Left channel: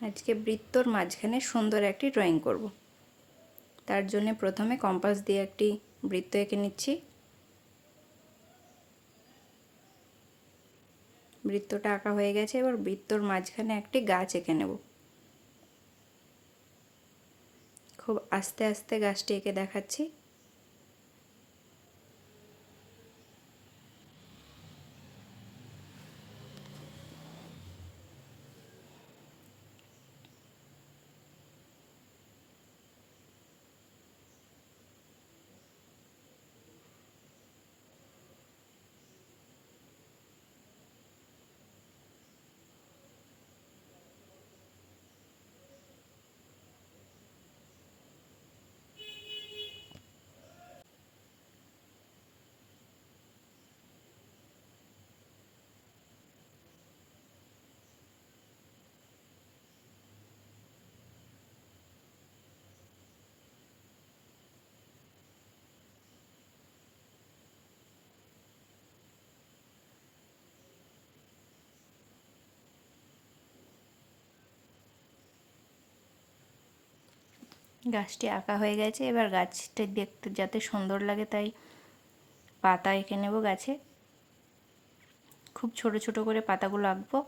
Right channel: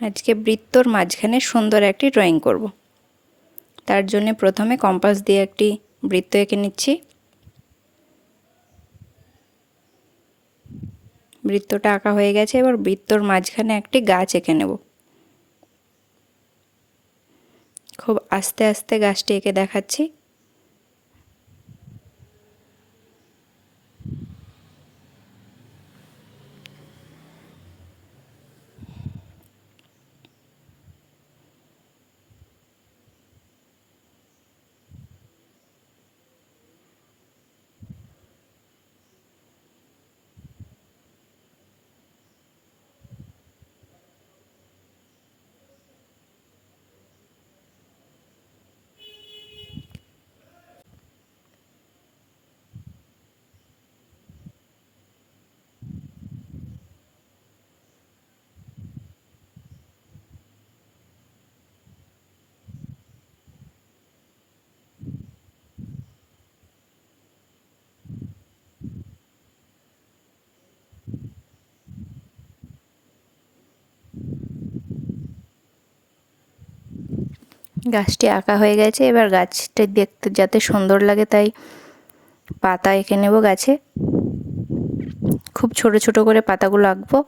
আজকে বৃত্তর মাঝখানে সুন্দর একটি ড্রয়িং করব। তার জন্য প্রথমে কম্পাস দিয়ে একটি বৃত্ত এঁকে নিচ্ছি। বৃত্তটা আঁকা হয়ে গেছে, এবার বৃত্তর মাঝখানে একটি গাছ এঁকে নেব। খুব আস্তে আস্তে গাছটি এঁকে দেখাচ্ছি। গাছটি আঁকা হয়ে গেছে, এবার গাছটি দেখতে যাতে সুন্দর লাগে তাই পাতা এঁকে নেব গাছে। খুব ছোট ছোট করে পাতাগুলো আঁকবো।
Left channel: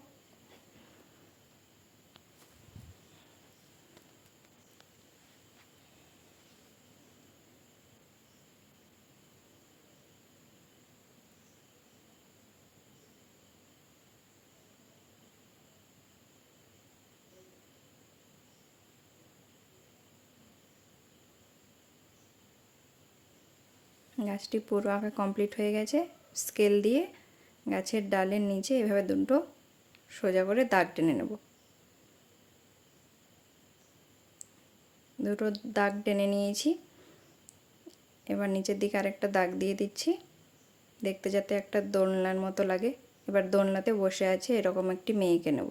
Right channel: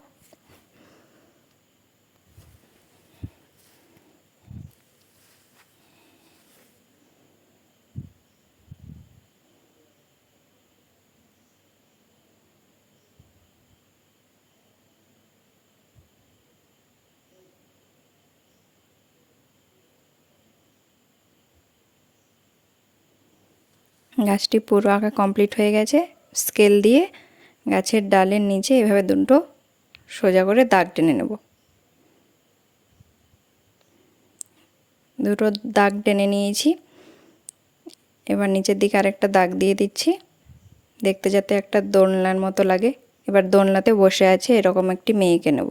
গাছটি পুরো আঁকা কমপ্লিট হয়ে গেছে। স্কেল দিয়ে গাছের ডালের নিচে এভাবে দুটো সোজা করে দাগ টেনে নেব। দুটো দাগ টেনে নিয়েছি, এবার নিচের দিকে আরেকটা দাগ দিয়ে দিচ্ছি, দেখতে যাতে একটা দোলনার মতো লাগে। এবার দোলনাতে বসে আছে এরকম একটি মেয়েকে নেব।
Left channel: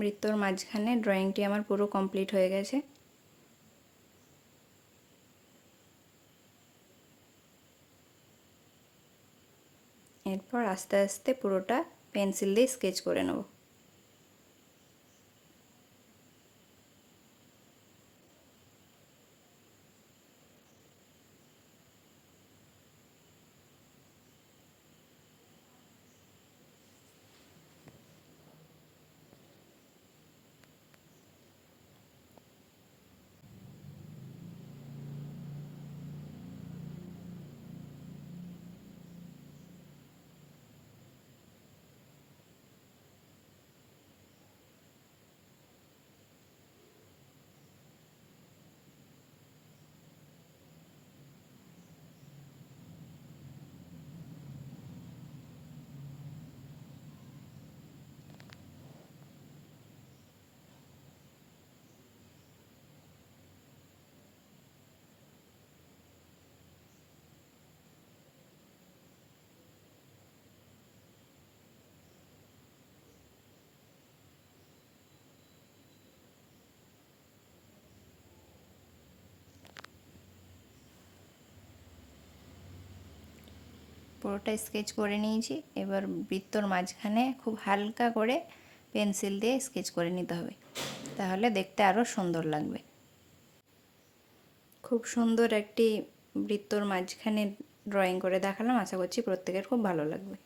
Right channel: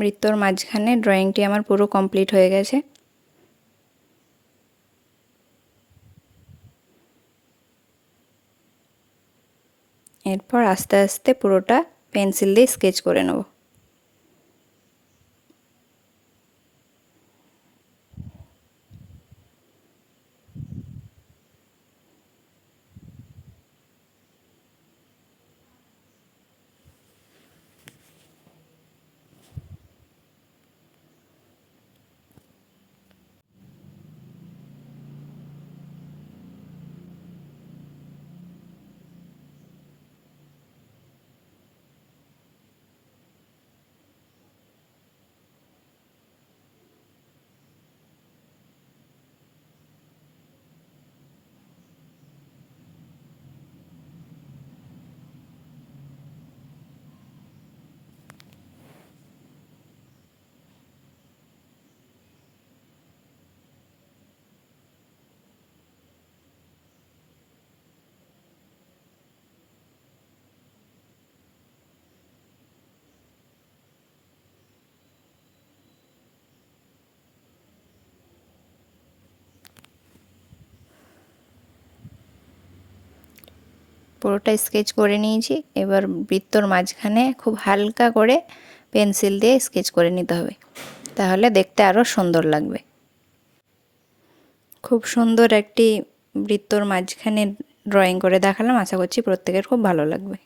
বৃত্তর মাঝখানে ড্রয়িংটি আমার পুরো কমপ্লিট হয়ে গেছে। এরপর আস্তে আস্তে পুরোটা পেন্সিল দিয়ে স্কেচ করে নেব। পুরোটা স্কেচ করে নিয়েছি। এবার বৃত্তর মাঝখানে খুব হালকা করে পেন্সিল দিয়ে স্কেচ করে নিতে হবে, তাহলে দেখতে আরও সুন্দর লাগবে। খুব সুন্দর একটি বৃত্তর মাঝখানে ড্রয়িং করে দেখালাম। আশা করছি প্রত্যেকের খুব ভালো লাগবে।